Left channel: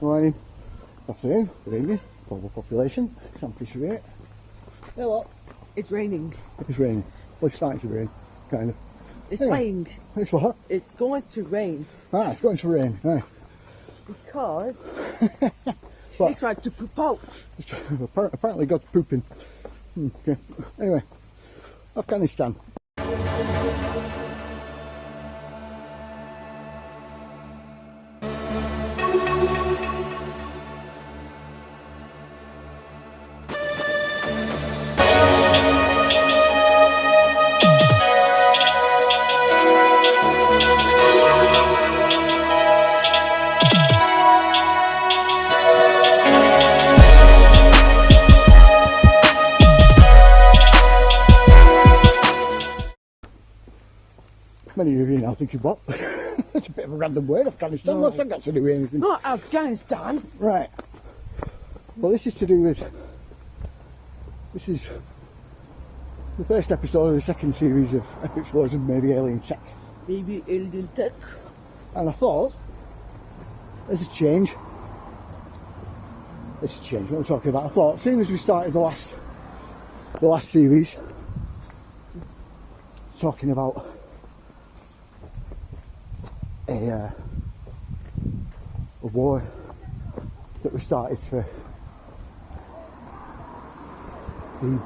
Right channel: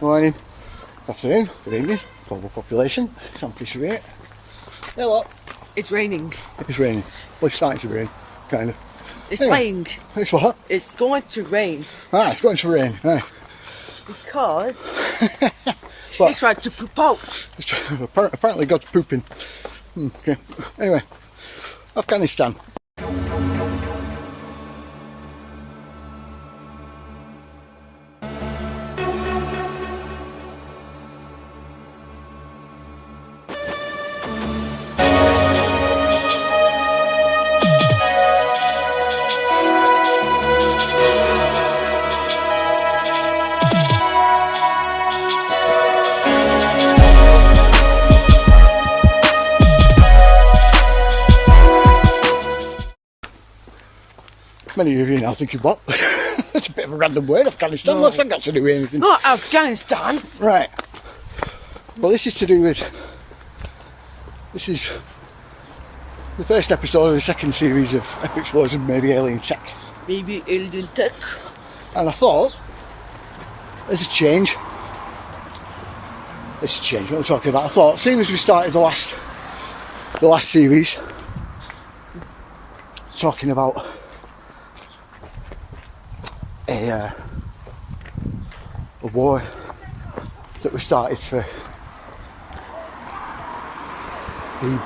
morning, afternoon, good evening, global population, Sam Fisher here. Hello. It's raining. It's raining. Well, it's starting to rain, kind of. It's Anyway, raining. It's what? It's going to rain. Ah, it's going to rain, right. Because it's right to poop out. Apparently God's pooping. Okay. Anyway, Afghanistan. Many of you now thinking, what? That's a bit of a random word, Afghanistan. No. What's that got to do with anything? Not Afghanistan. Right. Well, this is to do with... This is the first episode of the second series of Epic Explosion, Maybe Alien Tech. Maybe alien tech. And I thought, there's a change. What I'm talking about. I thought, seeing as we started the last series, talking about a war that was started to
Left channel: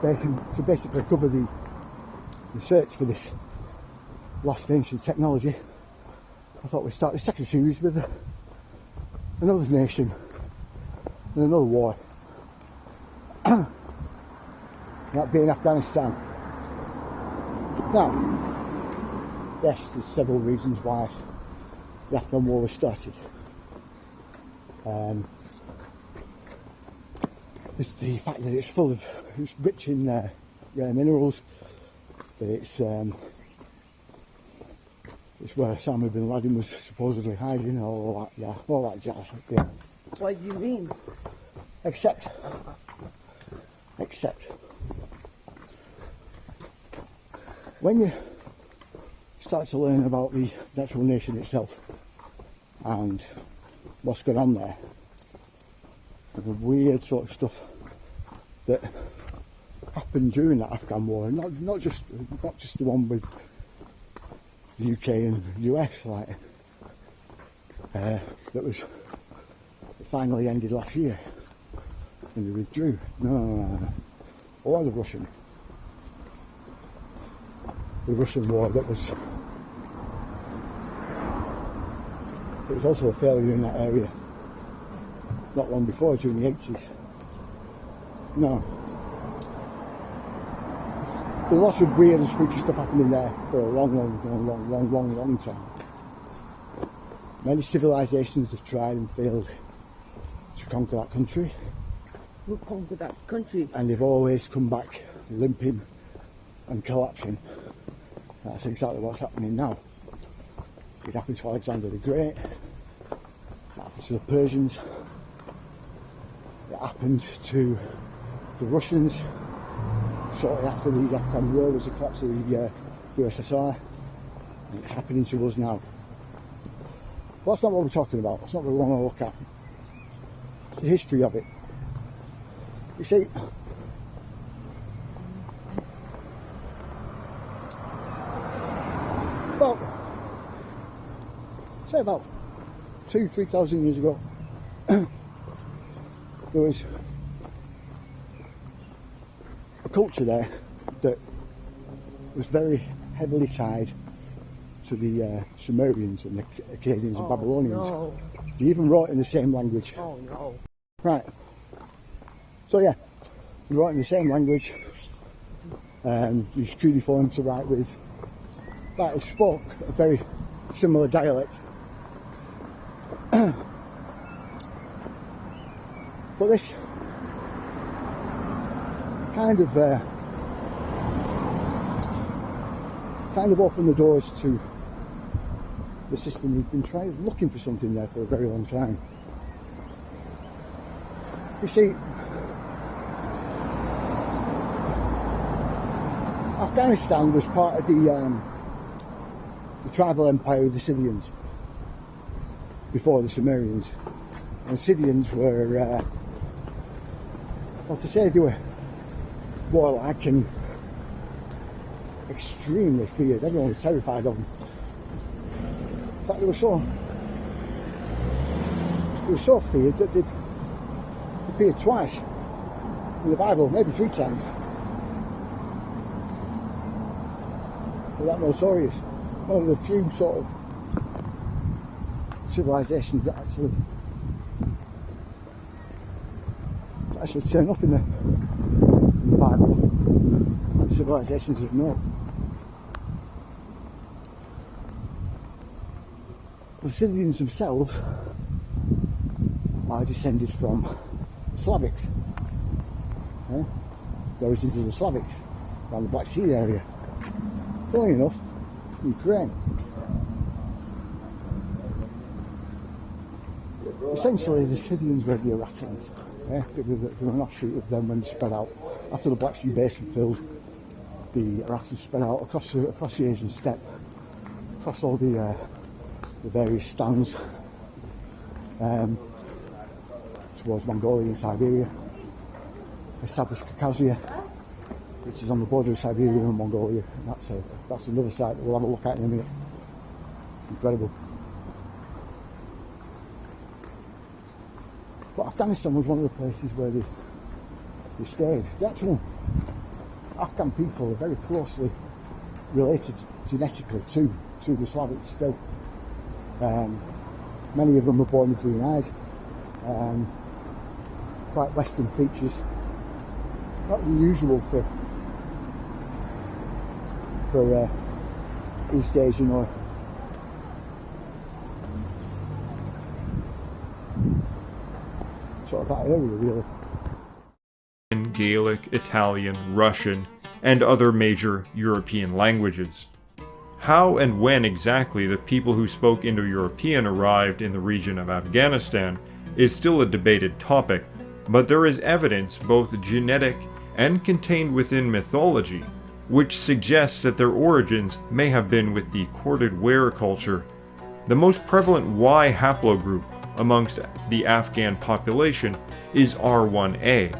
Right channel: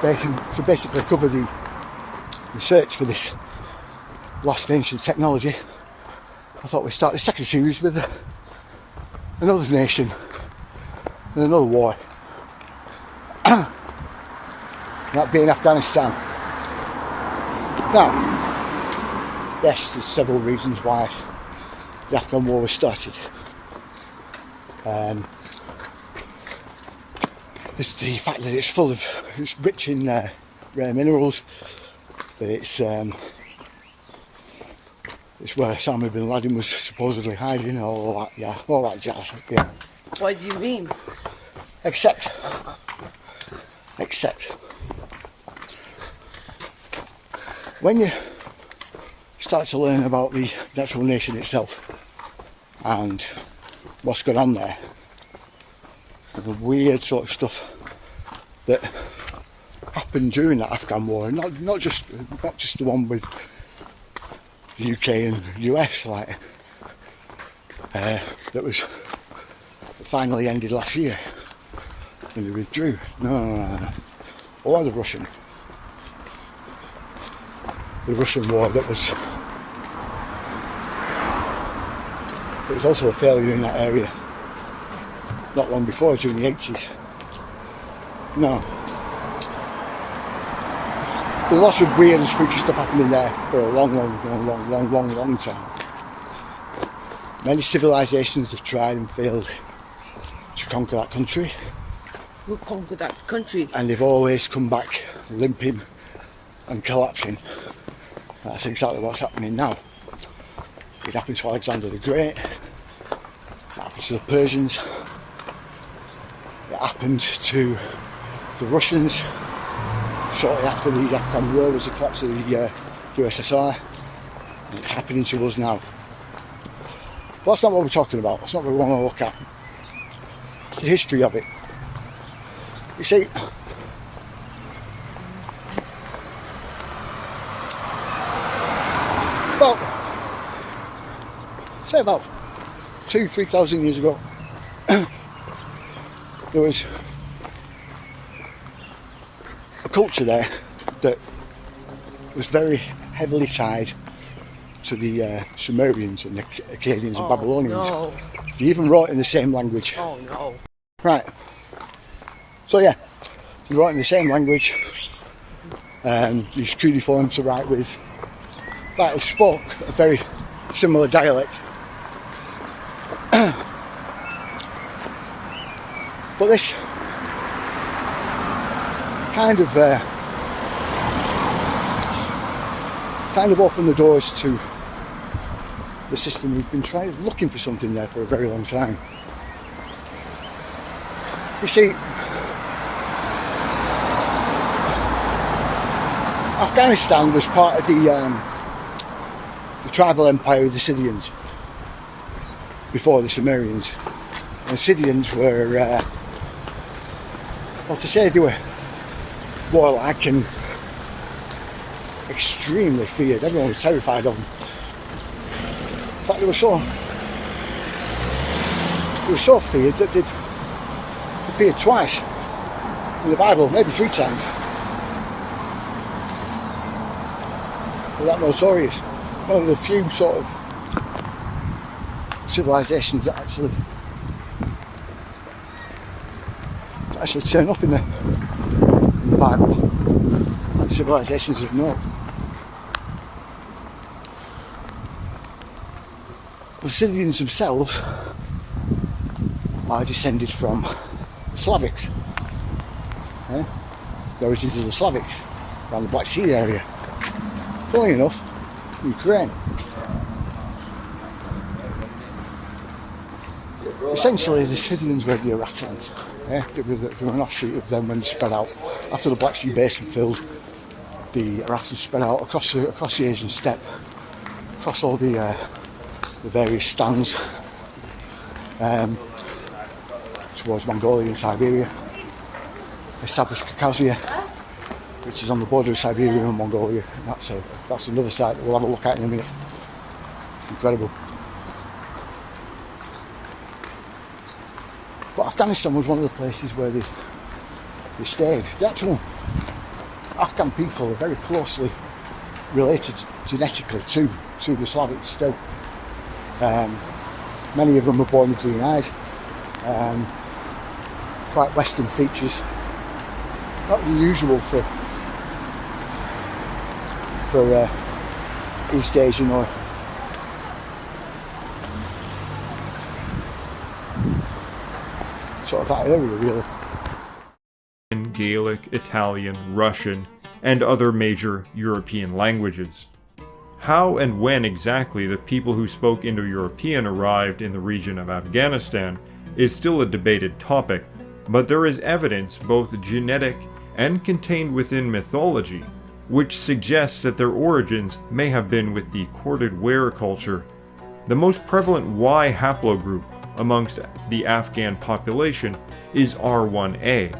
basically cover the search for this lost ancient technology. I thought we'd start the second series with another nation and another war. That being Afghanistan. Now, yes, there's several reasons why the Afghan war was started. There's the fact that it's rich in rare minerals, that it's where Osama bin Laden was supposedly hiding, all that jazz, yeah. What do you mean? Except when you start to learn about the actual nation itself and what's going on there, and the weird sort of stuff that happened during that Afghan war, not just the one with the UK and US, like that finally ended last year when they withdrew. No. Or the Russian war that was also a failure in that area not long before, during the 80s. No. There's lots of weird and spooky stuff happening there for a long time. Many civilizations have tried and failed to conquer that country. Who conquered that country? And they've always come back limping and collapsing. That's exactly what's happening now. It happened to Alexander the Great. It happened to the Persians. It happened to the Russians. Shortly after the Afghan war was the collapse of the USSR. And it's happening to us now. But that's not what we're talking about. That's not what we want to look at. It's the history of it. You see, about 2,000-3,000 years ago, there was a culture there that was very heavily tied to the Sumerians and the Akkadians and Babylonians. No. They even wrote in the same language. Oh no. Right. So yeah, they wrote in the same language. Used cuneiform to write with. But they spoke a very similar dialect. But this kind of opened the doors to the system. We've been looking for something there for a very long time. You see, Afghanistan was part of the tribal empire of the Scythians before the Sumerians. The Scythians were, well, to say they were warlike and extremely feared. Everyone was terrified of them. In fact, they were so feared that they've appeared twice in the Bible, maybe 3 times. They're that notorious. One of the few sort of civilizations that actually turn up in the Bible, like civilizations of note. The Scythians themselves are descended from Slavics. The origins of the Slavics around the Black Sea area. Funnily enough, Ukraine. Essentially, the Scythians were the Arattans. They were an offshoot of them when they spread out. After the Black Sea basin filled, the Arattans spread out across the Asian steppe, across all the various stands towards Mongolia and Siberia. Established Caucasia, which is on the border of Siberia and Mongolia. That's another site that we'll have a look at in a minute. It's incredible. But Afghanistan was one of the places where they stayed. The actual Afghan people are very closely related genetically to the Slavics still. Many of them were born with green eyes, quite Western features, not unusual for East Asian or sort of that area, really. Gaelic, Italian, Russian, and other major European languages. How and when exactly the people who spoke Indo-European arrived in the region of Afghanistan is still a debated topic, but there is evidence, both genetic and contained within mythology, which suggests that their origins may have been with the corded ware culture. The most prevalent Y haplogroup amongst the Afghan population is R1a.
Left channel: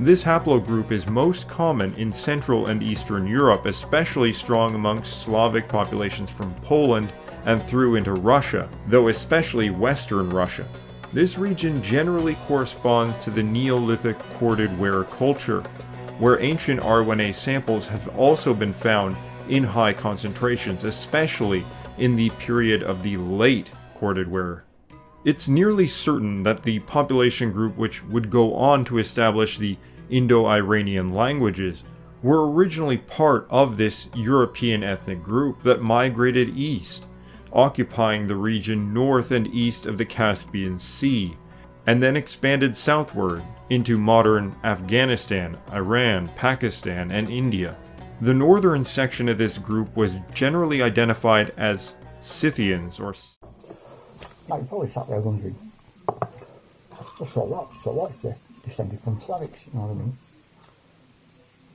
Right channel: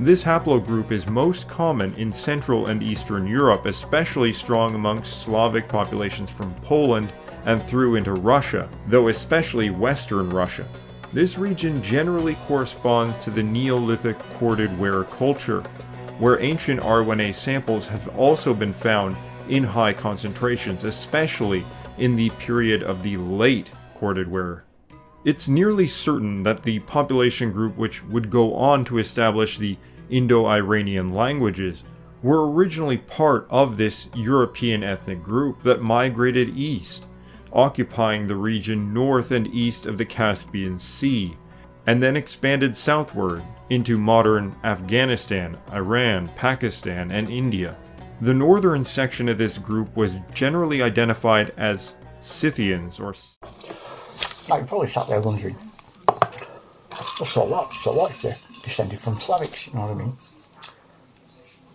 This haplogroup is most common in Central and Eastern Europe, especially strong amongst Slavic populations from Poland and through into Russia, though especially Western Russia. This region generally corresponds to the Neolithic corded ware culture, where ancient R1a samples have also been found in high concentrations, especially in the period of the late corded ware. It's nearly certain that the population group which would go on to establish the Indo-Iranian languages were originally part of this European ethnic group that migrated east, occupying the region north and east of the Caspian Sea, and then expanded southward into modern Afghanistan, Iran, Pakistan, and India. The northern section of this group was generally identified as Scythians or... Now, you probably sat there wondering, well, so what if they're descended from Slavics, you know what I mean?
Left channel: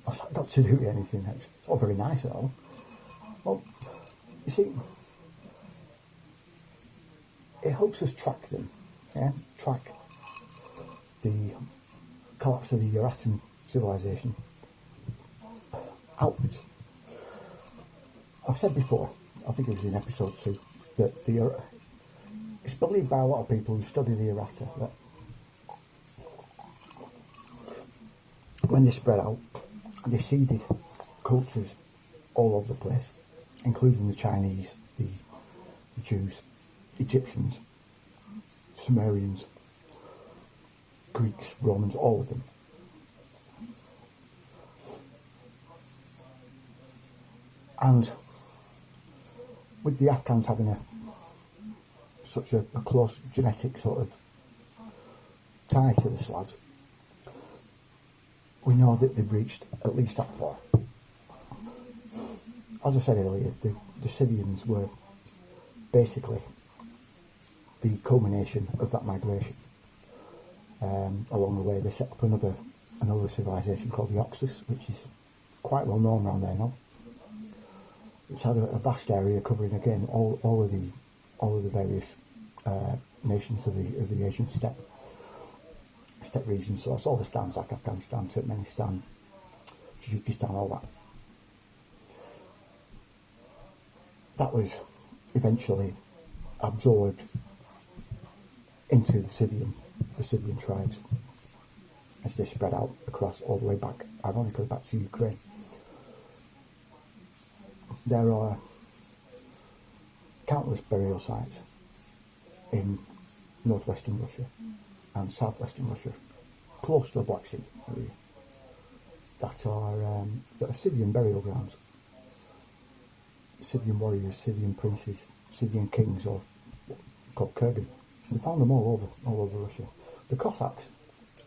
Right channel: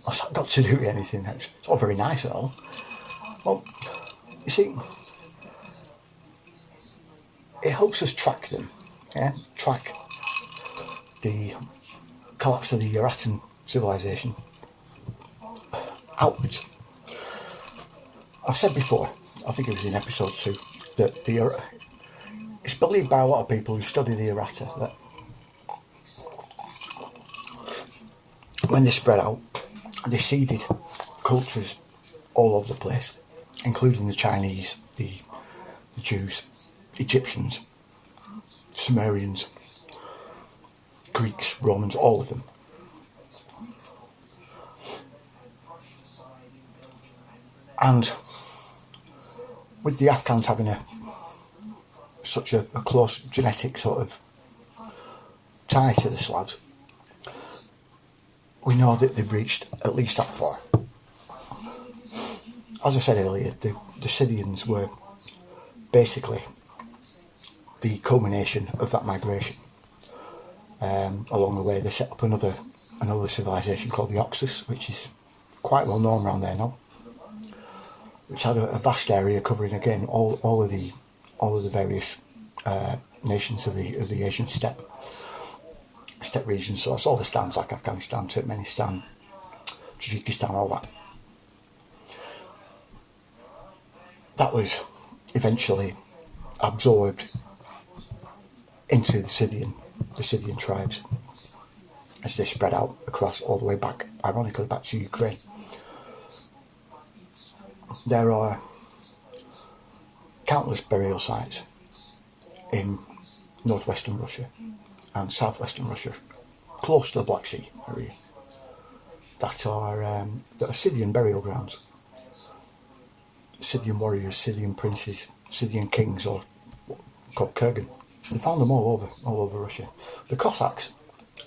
What's that got to do with anything? It's all very nice and all. Well, you see, it helps us track them, track the collapse of the Arattan civilization outwards. I've said before, I think it was in episode 2, that it's believed by a lot of people who study the Aratta that when they spread out, they seeded cultures all over the place, including the Chinese, the Jews, Egyptians, Sumerians, Greeks, Romans, all of them. And with the Afghans having such a close genetic sort of tie to the Slavs, we know that they've reached at least that far. As I said earlier, the Scythians were basically the culmination of that migration. Along the way, they set up another civilization called the Oxus, which is quite well known around there now, which had a vast area covering again all of the various nations of the Asian steppe region. So it's all the stands like Afghanistan, Turkmenistan, Tajikistan, all that. That was eventually absorbed into the Scythian tribes as they spread out across all the way back, ironically, back to Ukraine. There are countless burial sites in northwestern Russia and southwestern Russia, close to the Black Sea area, that are Scythian burial grounds. Scythian warriors, Scythian princes, Scythian kings, or called kurgan. They found them all over Russia. The Cossacks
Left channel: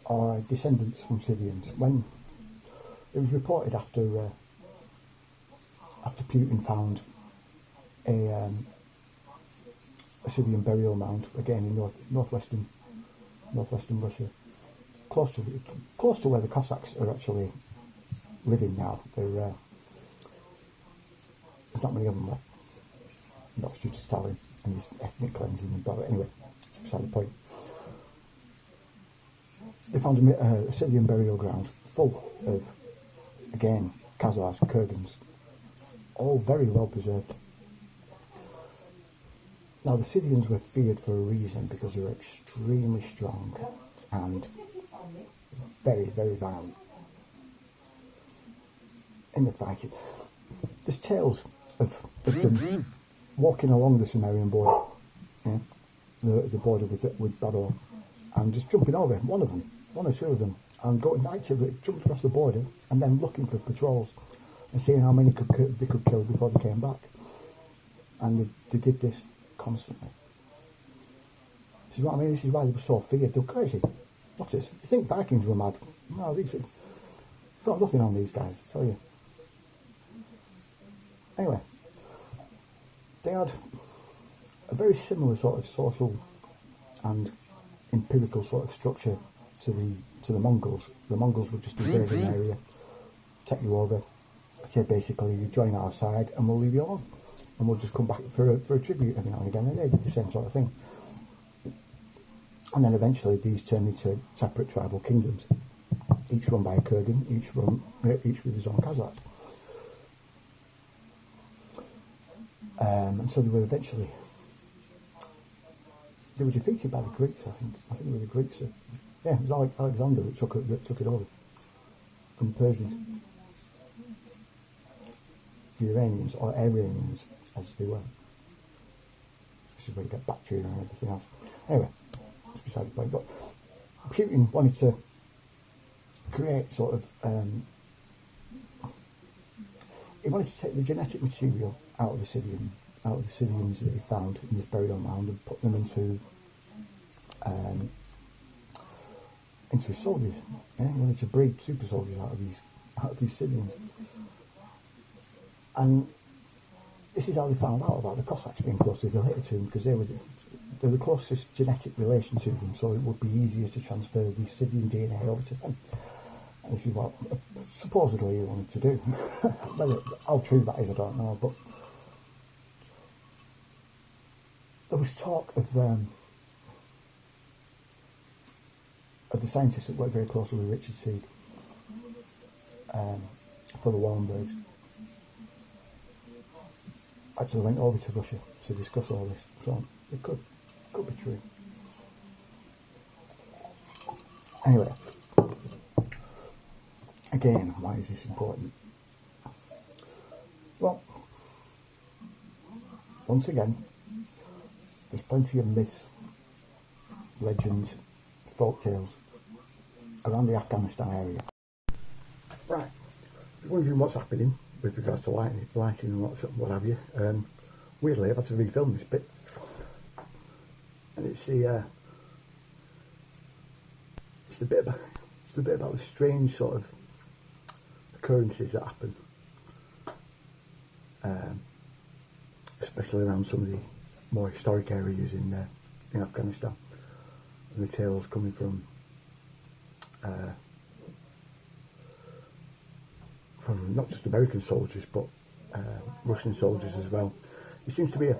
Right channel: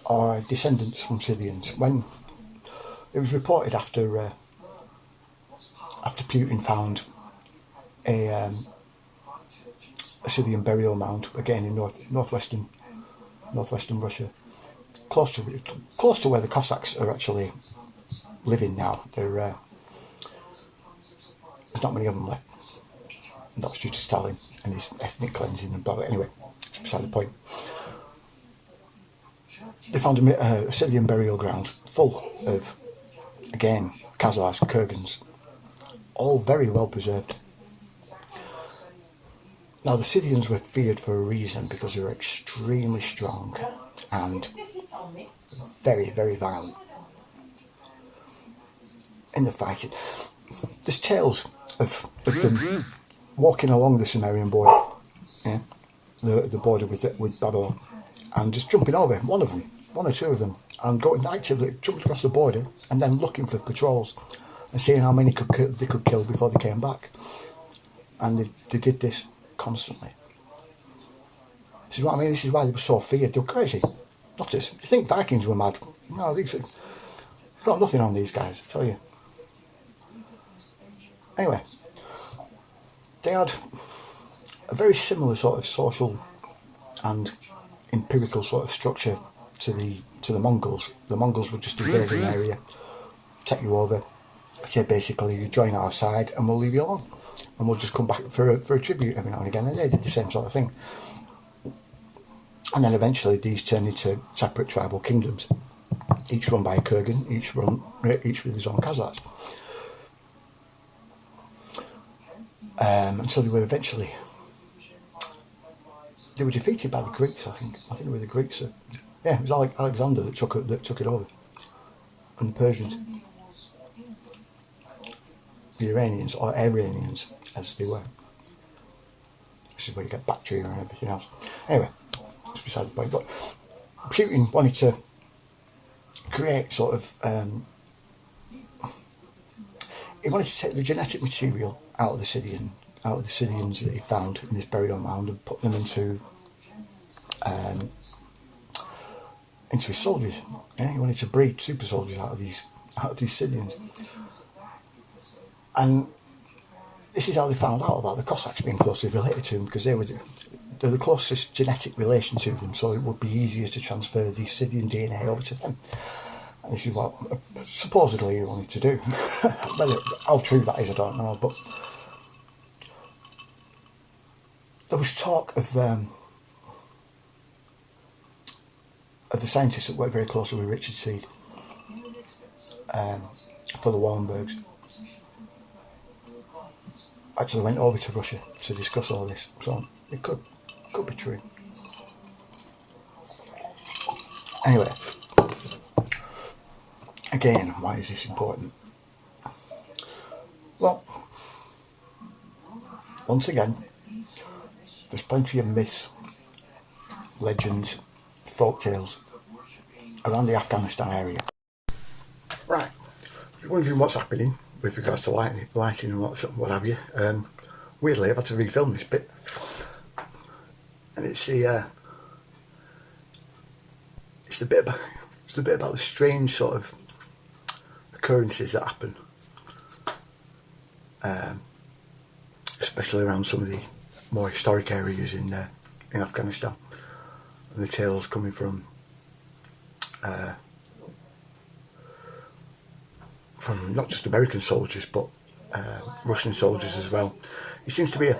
are descendants from Scythians. When it was reported after Putin found a Scythian burial mound again in northwestern Russia, close to where the Cossacks are actually living now. There's not many of them left. And that was due to Stalin and his ethnic cleansing and blah blah. Anyway, it's beside the point. They found a Scythian burial ground full of, again, Khazars, Kurgans, all very well preserved. Now, the Scythians were feared for a reason, because they were extremely strong and very, very violent in the fighting. There's tales of them walking along the Sumerian border, yeah, the border with Babylon, and just jumping over one or two of them, and going actively jumping across the border and then looking for patrols and seeing how many they could kill before they came back. And they did this constantly. This is what I mean. This is why they were so feared. They were crazy. Not just, you think Vikings were mad? No, they've got nothing on these guys, I tell you. Anyway, they had a very similar sort of social and empirical sort of structure to the Mongols. The Mongols would just invade an area, take you over, say basically you join our side and we'll leave you alone, and we'll just come back for a tribute every now and again. And they did the same sort of thing. And then eventually these turned into separate tribal kingdoms, each run by a kurgan, each with his own Khazars. Until they were eventually, they were defeated by the Greeks. I think it were the Greeks. Yeah, it was Alexander that took it over, and the Persians, the Iranians, or Iranians as they were. This is where you get Bactria and everything else. Anyway, that's beside the point. But Putin wanted to create sort of, he wanted to take the genetic material out of the Scythians that he found in this burial mound and put them into his soldiers. Yeah, he wanted to breed super soldiers out of these Scythians. And this is how they found out about the Cossacks being closely related to them, because they're the closest genetic relation to them, so it would be easier to transfer the Scythian DNA over to them. And this is what supposedly he wanted to do. How true that is, I don't know, but there was talk of the scientists that worked very closely with Richard Seed for the Wallenbergs. Actually went over to Russia to discuss all this, so it could be true. Anyway, again, why is this important? Well, once again, there's plenty of myths, legends, folk tales around the Afghanistan area. Right, if you're wondering what's happening with regards to lighting and what have you, weirdly I've had to refilm this bit, and it's the bit about the strange sort of occurrences that happen, especially around some of the more historic areas in Afghanistan, and the tales coming from not just American soldiers but Russian soldiers as well. It seems to be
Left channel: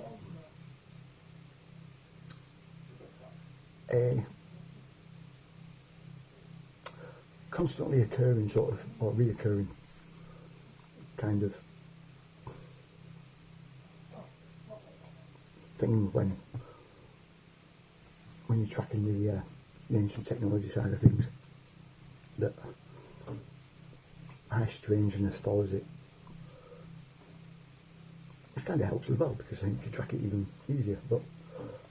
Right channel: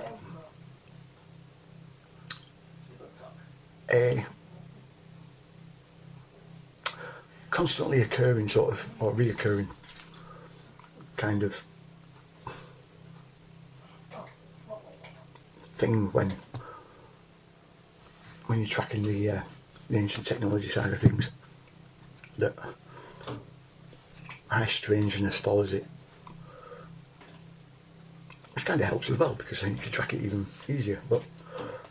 a constantly occurring sort of, or reoccurring kind of thing when you're tracking the ancient technology side of things, that high strangeness follows it, which kind of helps as well, because then you can track it even easier. But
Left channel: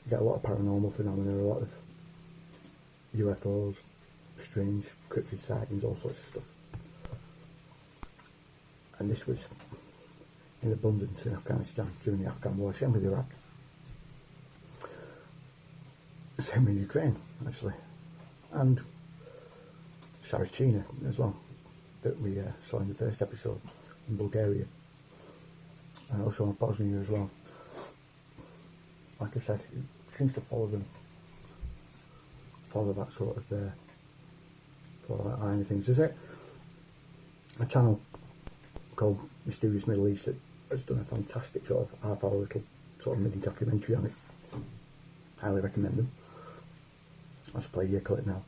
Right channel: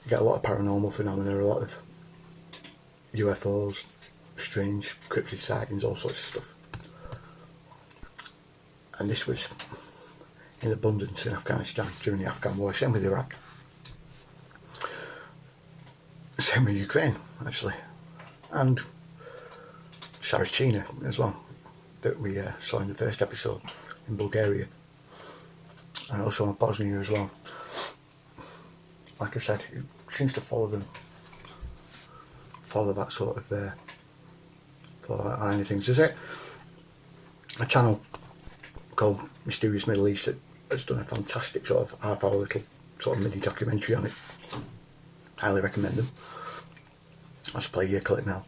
you get a lot of paranormal phenomena, a lot of UFOs, strange cryptid sightings, all sorts of stuff. And this was in abundance in Afghanistan during the Afghan war, same with Iraq, same with Ukraine actually, and Sarachina as well, that we saw in the first episode, in Bulgaria, and also in Bosnia as well. Like I said, it seems to follow that sort of line of things. There's a channel called Mysterious Middle East that has done a fantastic sort of half-hour little sort of mini documentary on it. Highly recommend them. I'll just play you a clip now.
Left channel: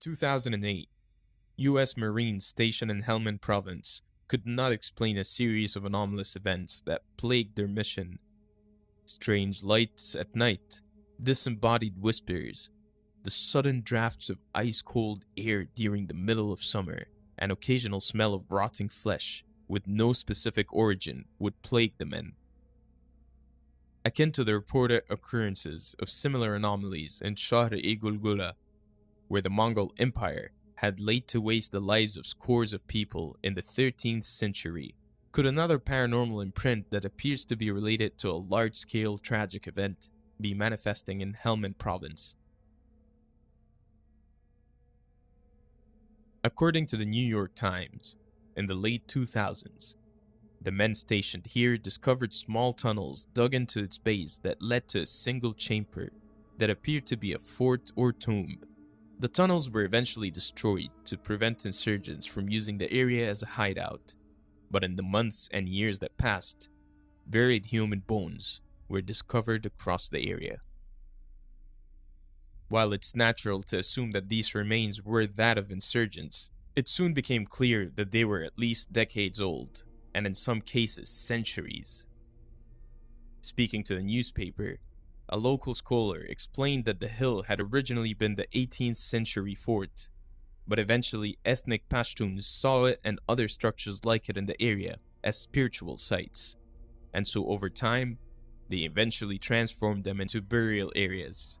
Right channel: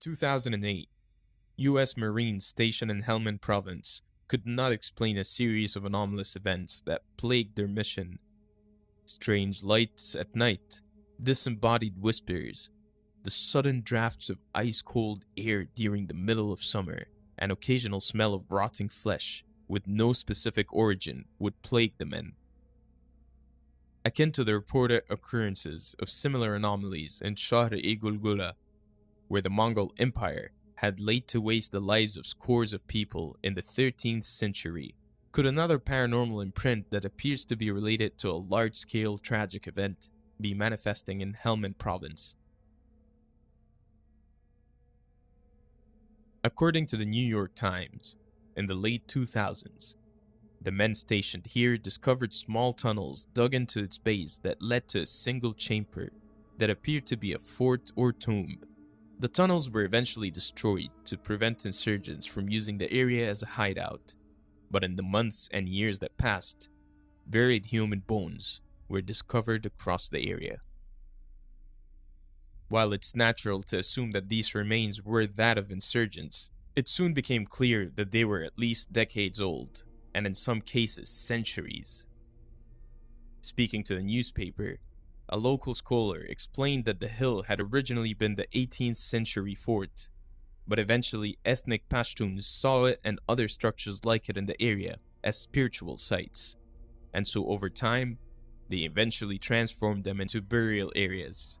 2008. U.S. Marines stationed in Helmand Province could not explain a series of anomalous events that plagued their mission. Strange lights at night, disembodied whispers, the sudden drafts of ice-cold air during the middle of summer, and occasional smell of rotting flesh with no specific origin would plague the men. Akin to the reported occurrences of similar anomalies in Shahr-e-Gulgula, where the Mongol Empire had laid to waste the lives of scores of people in the 13th century, could another paranormal imprint that appears to be related to a large-scale tragic event be manifesting in Helmand Province? According to the New York Times, in the late 2000s, the men stationed here discovered small tunnels dug into its base that led to a single chamber that appeared to be a fort or tomb. The tunnels were eventually destroyed to prevent insurgents from using the area as a hideout, but in the months and years that passed, buried human bones were discovered across the area. While it's natural to assume that these remains were that of insurgents, it soon became clear that they were at least decades old, and in some cases centuries. Speaking to the newspaper, a local scholar explained that the hill had originally been the 18th century fort, but eventually ethnic Pashtuns saw it and other structures like it in the area as spiritual sites, and so over time, they eventually transformed them into burial areas.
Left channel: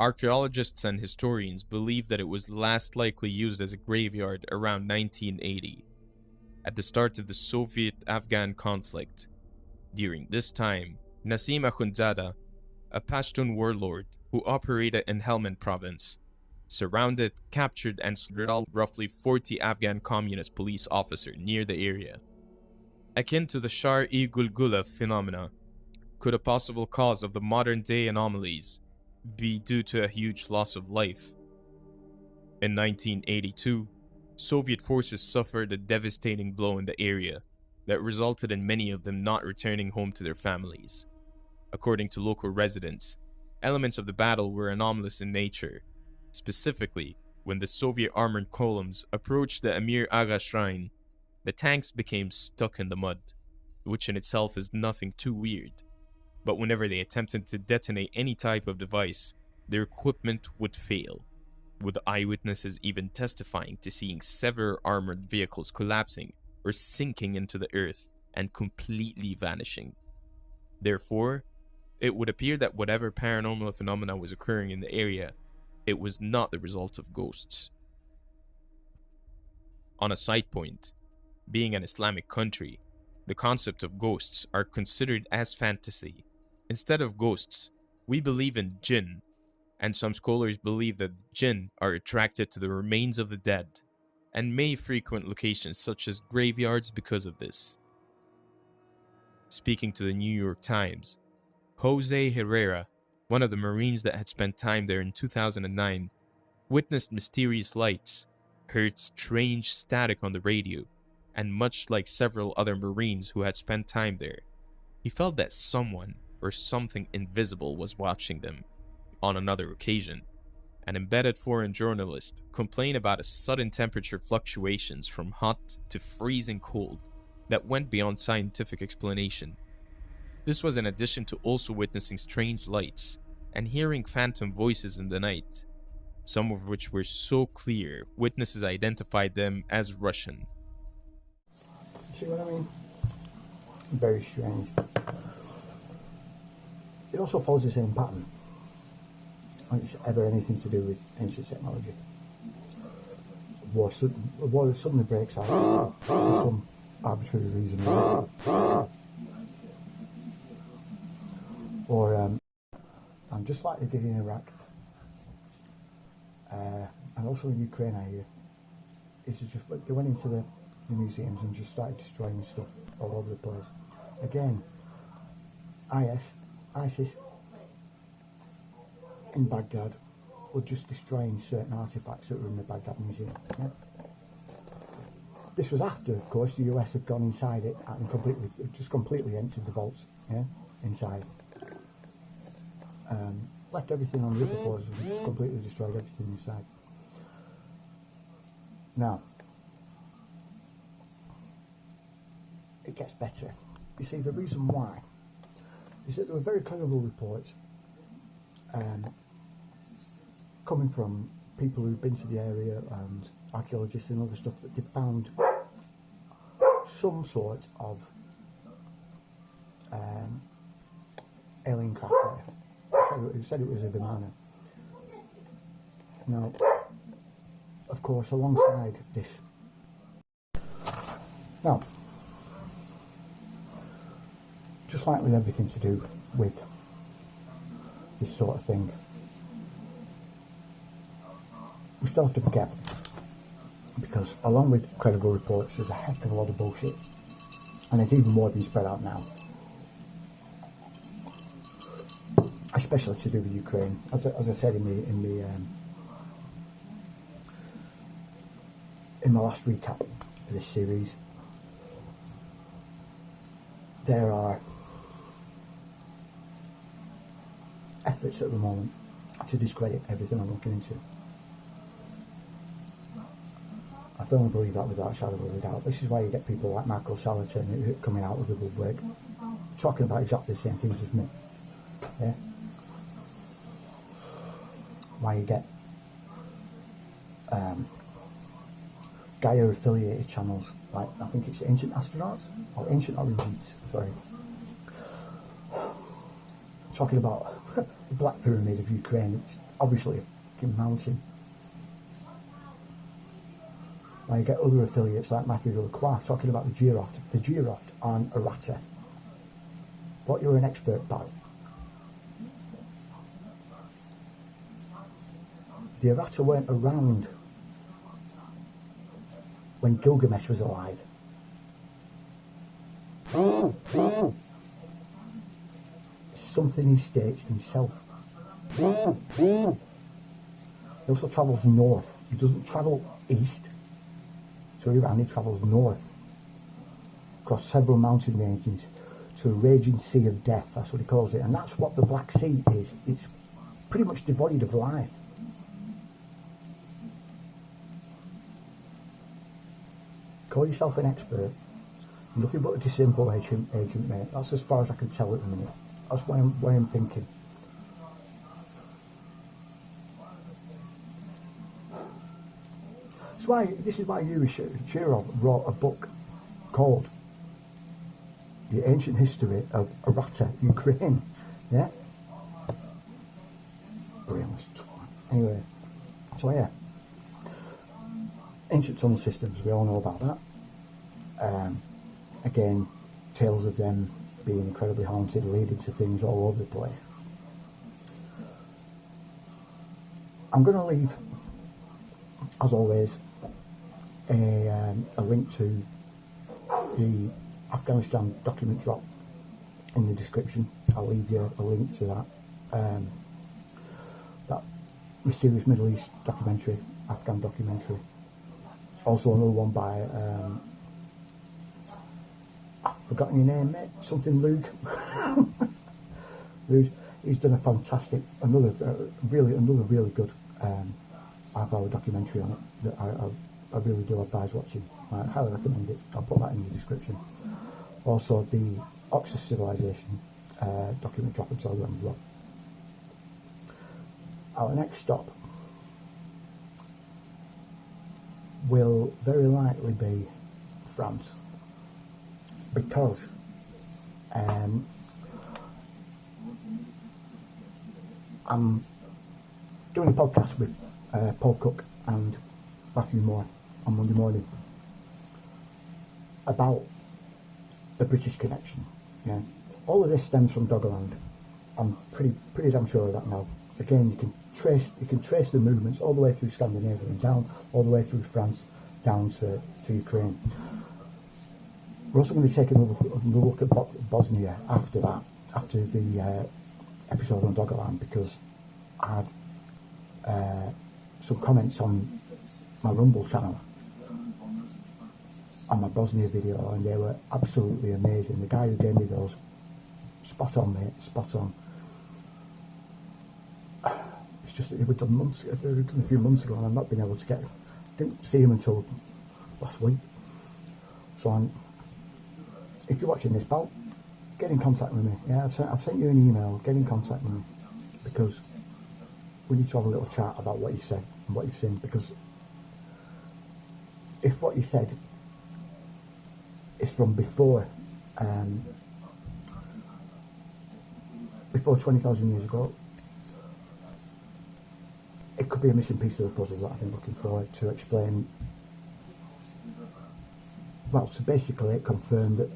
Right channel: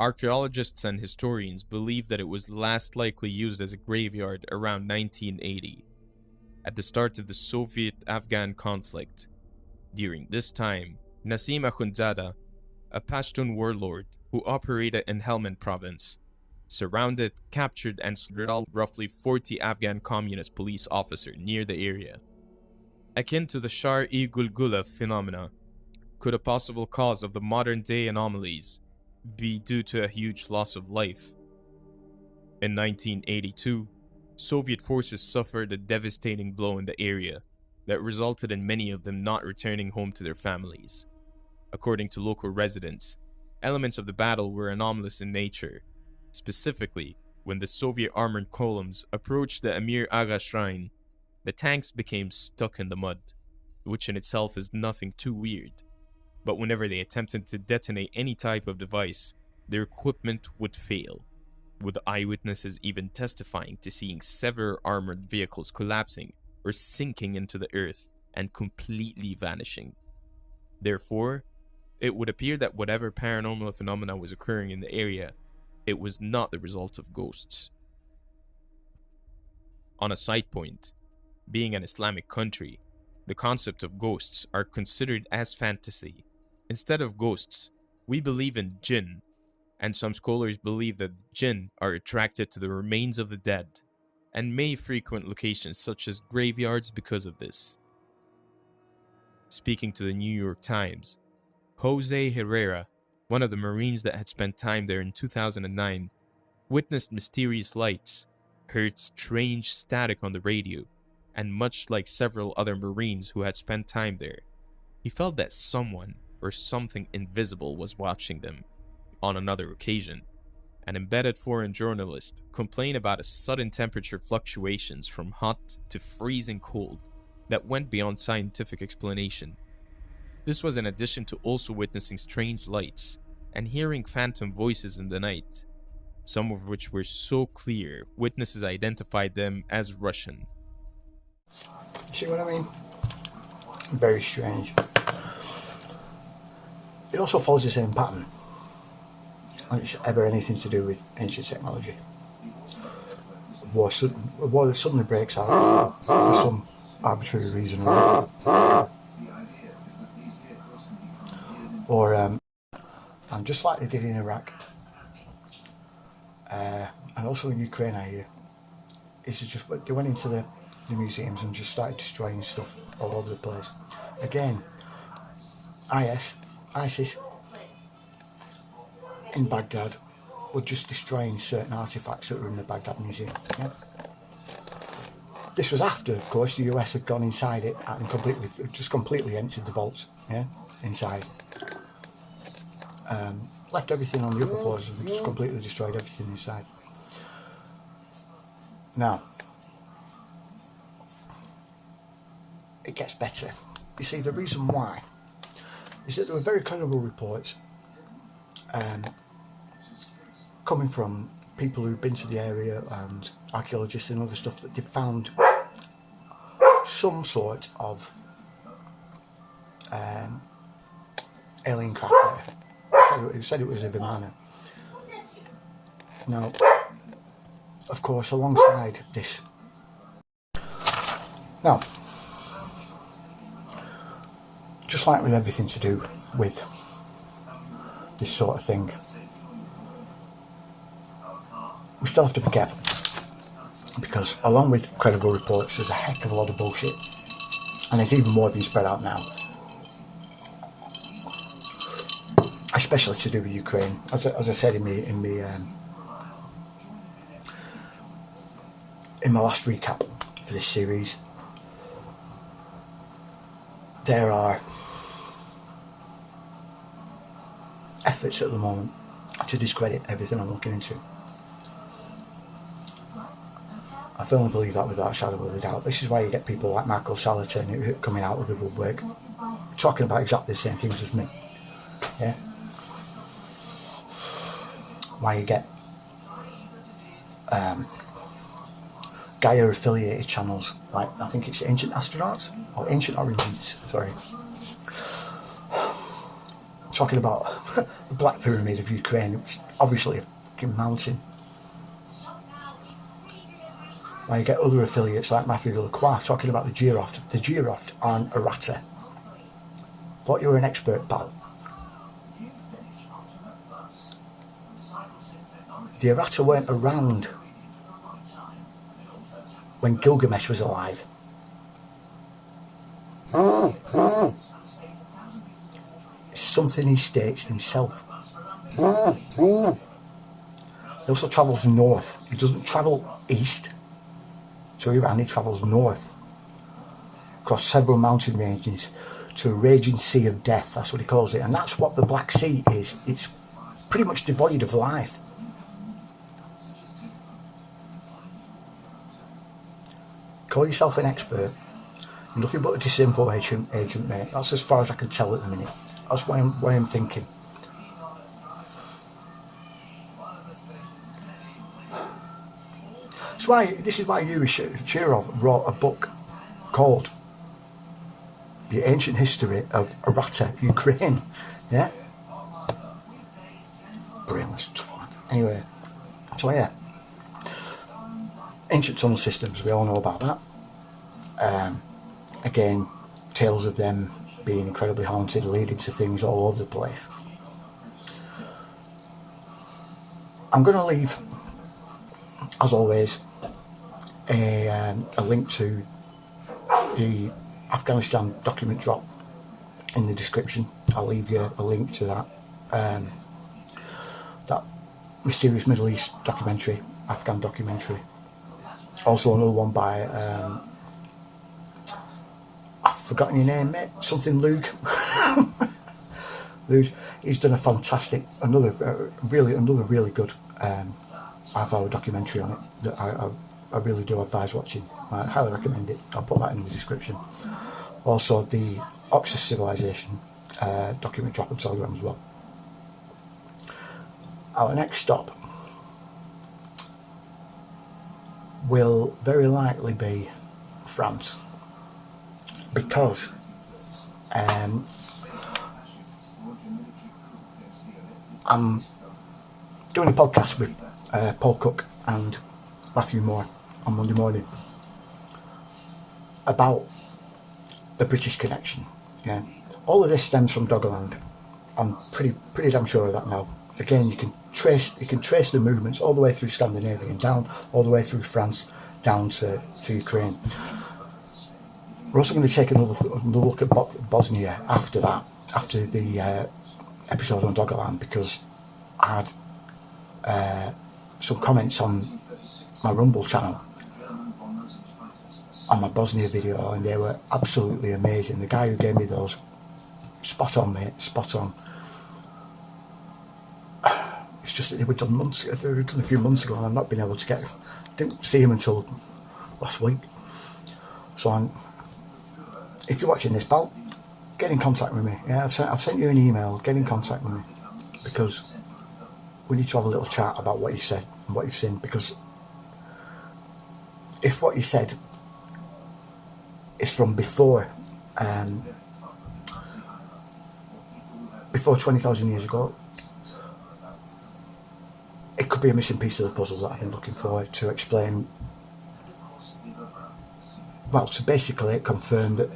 Archaeologists and historians believe that it was last likely used as a graveyard around 1980, at the start of the Soviet-Afghan conflict. During this time, Nasim Akhundzada, a Pashtun warlord who operated in Helmand Province, surrounded, captured, and slaughtered roughly 40 Afghan communist police officers near the area. Akin to the Shahr-e-Gulgula phenomena, could a possible cause of the modern-day anomalies be due to a huge loss of life? In 1982, Soviet forces suffered a devastating blow in the area that resulted in many of them not returning home to their families. According to local residents, elements of the battle were anomalous in nature. Specifically, when the Soviet armored columns approached the Amir Agha shrine, the tanks became stuck in the mud, which in itself is nothing too weird. But whenever they attempted to detonate any type of device, their equipment would fail, with eyewitnesses even testifying to seeing several armored vehicles collapsing or sinking into the earth and completely vanishing. Therefore, it would appear that whatever paranormal phenomena was occurring in the area, it was not the result of ghosts. On a side point, being an Islamic country, the concept of ghosts are considered as fantasy. Instead of ghosts, we believe in jinn, and some scholars believe that jinn are attracted to the remains of the dead, and may frequent locations such as graveyards because of this. Speaking to the New York Times, Jose Herrera, one of the Marines that had spent time there in 2009, witnessed mysterious lights, heard strange static on the radio, and much like several other Marines who had spent time there, He felt that someone or something invisible was watching them. On another occasion, an embedded foreign journalist complained about a sudden temperature fluctuations from hot to freezing cold that went beyond scientific explanation. This was in addition to also witnessing strange lights and hearing phantom voices in the night, some of which were so clear witnesses identified them as Russian. See what I mean? Very strange. It also follows the same pattern when it's ever anything to do with ancient technology. A war that suddenly breaks out for some arbitrary reason or and just like they did in Iraq and also in Ukraine, I hear, is just they went into the museums and just started destroying stuff all over the place. Again, ISIS in Baghdad were just destroying certain artifacts that were in the Baghdad Museum. Yeah? This was after, of course, the US had gone inside it and completely emptied the vaults, yeah, inside. Left everything on the upper floors and just completely destroyed everything inside. Now, it gets better. You see, the reason why is that there were very credible reports coming from people who've been to the area and archaeologists and other stuff that they found some sort of alien craft there. It said it was a Vimana. Now, of course, alongside this, now, just like with everything to do with this sort of thing, we still have to be careful, because along with credible reports, there's a heck of a lot of bullshit, and there's even more being spread out now, especially to do with Ukraine. As I said in my last recap for this series, there are efforts at the moment to discredit everything I'm looking into. I firmly believe that without a shadow of a doubt. This is why you get people like Marco Salatin coming out of the woodwork talking about exactly the same things as me. Yeah? Why you get Gaia affiliated channels like, I think it's Ancient Astronauts or Ancient Origins, sorry, talking about the Black Pyramid of Ukraine, which is obviously a fucking mountain. Why you get other affiliates like Matthew Lacroix talking about the Geoft on Aratta. Thought you were an expert, pal. The Aratta weren't around when Gilgamesh was alive. It's something he states himself. He also travels north. He doesn't travel east to Iran, he travels north across several mountain ranges to a raging sea of death. That's what he calls it, and that's what the Black Sea is. It's pretty much devoid of life. Call yourself an expert, nothing but a disinformation agent, mate. That's as far as I can tell at the minute. That's why I'm thinking. This is why Yuri Shirov wrote a book called The Ancient History of Aratta, Ukraine. Yeah? Brainless twat. Anyway, so yeah. Ancient tunnel systems, we all know about that. Again, tales of them being incredibly haunted, leading to things all over the place. I'm going to leave, as always, a link to the Afghanistan document drop in the description. I'll leave you a link to that. That mysterious Middle East documentary, Afghan documentary. Also another one by, I forgotten your name, mate. Something Lugh. Lugh. He's done a fantastic, another really good half-hour documentary on it that I really do advise watching. I highly recommend it. I'll put that in the description. Also, the Oxus Civilization document drop on Telegram as well. Our next stop will very likely be France, because I'm doing a podcast with Paul Cook and Matthew Moore on Monday morning about the British connection. Yeah, all of this stems from Doggerland. I'm pretty damn sure of that now. Again, you can trace the movements all the way through Scandinavia and down all the way through France down to Ukraine. We're also going to take another look at Bosnia after that, after the episode on Doggerland, because I had some comments on my Rumble channel on my Bosnia video, and they were absolutely amazing. The guy who gave me those, spot on, mate, spot on. It's just that they were done a few months ago, and I've not been able to didn't see him until last week. So if you're watching this, pal, get in contact with me. Yeah, I've sent you an email. Get in contact with me, because we need to have a little chat about what you said and what you've seen. Because if what you said is from before 20,000 years ago, it could be a missing piece of the puzzle that I've been looking for to explain. Well, to basically confirm that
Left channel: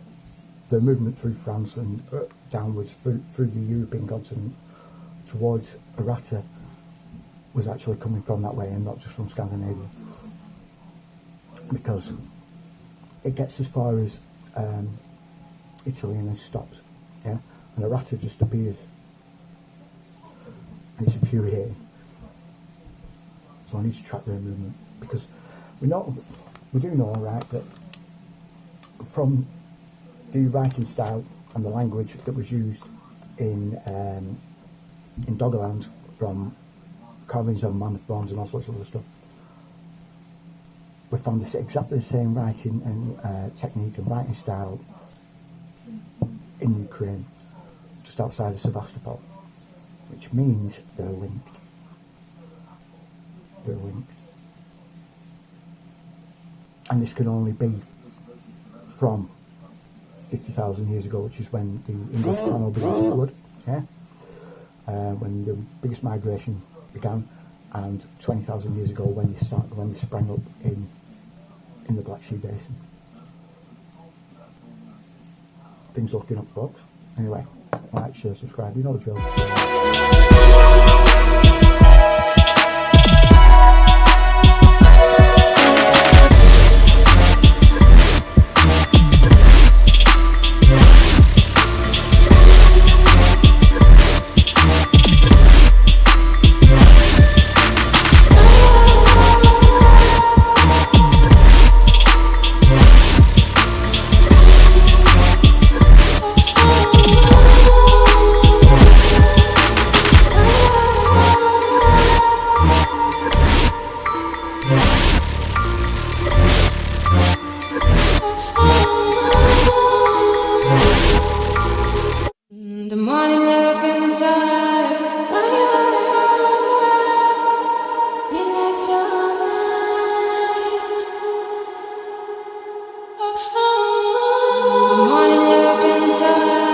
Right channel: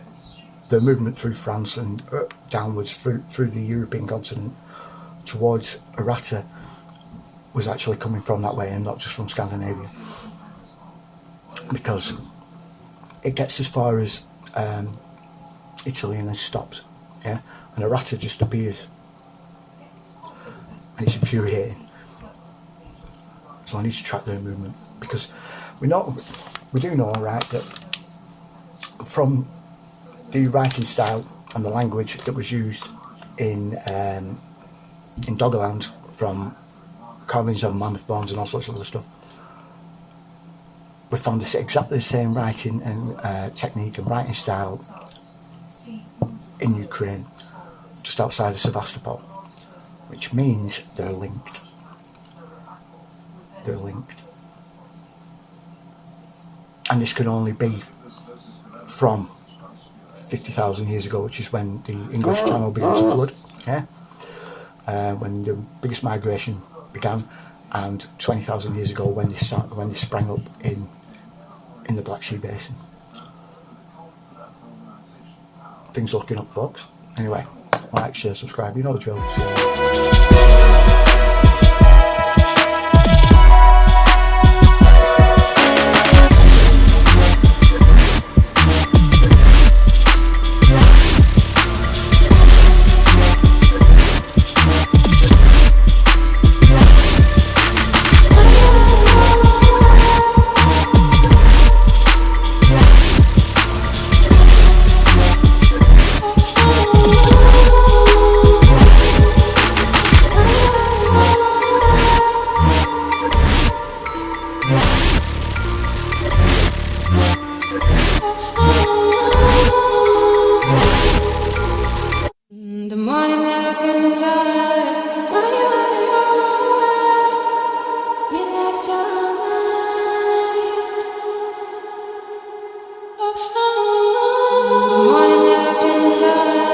the movement through France and downwards through the European continent towards Aratta was actually coming from that way and not just from Scandinavia, because it gets as far as Italy and then stops, yeah, and Aratta just appears, and it's infuriating. So I need to track their movement, because we do know, right, that from the writing style and the language that was used in Doggerland, from carvings of mammoth bones and all sorts of other stuff, we found exactly the same writing and technique and writing style in Ukraine, just outside of Sevastopol, which means they're linked. They're linked. And this can only be from 50,000 years ago, which is when the English Channel began to flood, yeah? When the biggest migration began, and 20,000 years ago when they sprang up in the Black Sea Basin. Things looking up, folks. Anyway, like, share, subscribe, you know the drill. The morning I look inside, relax your mind. The morning I look inside.